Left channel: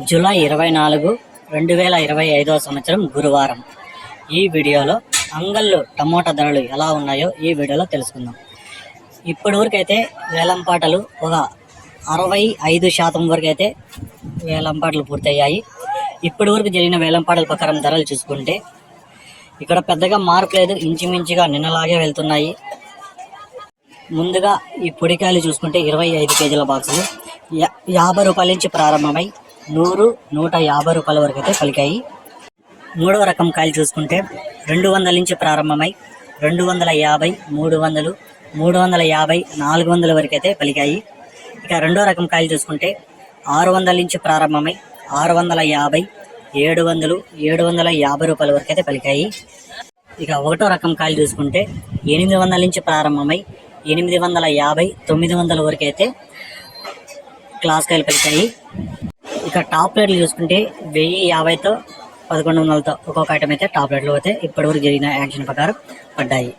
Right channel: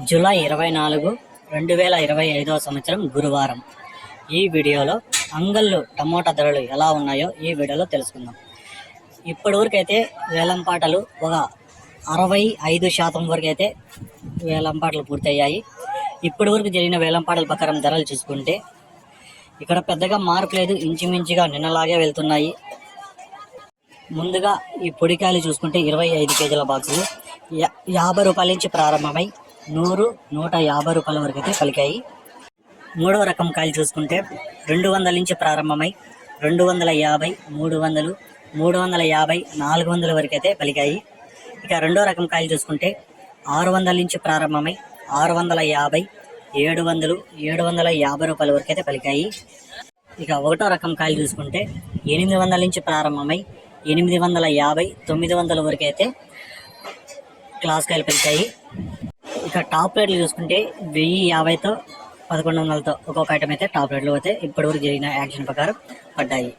July 24, 2025 సంవత్సరం గురువారం. ఈ వీడియోలో అంగళ్ళు టమోటా ధరలు ఎలా ఉన్నాయో ఈ వీడియోలో తెలుసుకుందాం. ఇప్పటి వరకు అయితే వేలంపాటలు ఒక 65% వరకు అయితే వేలంపాటలు పూర్తయ్యాయి. ఇప్పటి వరకు జరిగిన వేలంపాటల ప్రకారం ధరలు చూసుకుంటే ఇక్కడ పెద్దగా మార్పు లేదు, ఇంచుమించుగా నిన్నలాగే వెళ్తున్నాయి. ముందుగా ఈ పొడికాయలు చూసుకుంటే 25 కేజీల బాక్సులు 50 రూపాయల నుంచి ప్రారంభమై 100, 150 రూపాయల వరకు అయితే పలికాయి. మూడవ రకం కాయలు చూసుకుంటే 200 నుంచి ప్రారంభమై 250, 300, 350, 400 వరకు అయితే పలికాయి. ఇక రెండో రకం కాయలు చూసుకుంటే 600 నుంచి ప్రారంభమై 650, 700, 750 రూపాయల వరకు అయితే పలికాయి. ఇక ఒకటో రకం కాయలు చూసుకుంటే 800 నుంచి ప్రారంభమై 850, 900 వరకు అయితే క్లాస్ కాయలు పలికాయి. ఇక టాప్ రేట్లు చూసుకుంటే 1050తో 1100తో ఒక్కొక్క ఐటమ్ అయితే టాప్ రేట్లు అయితే ఇప్పటివరకు జరిగిన యాక్షన్ ప్రకారం పడ్డాయి.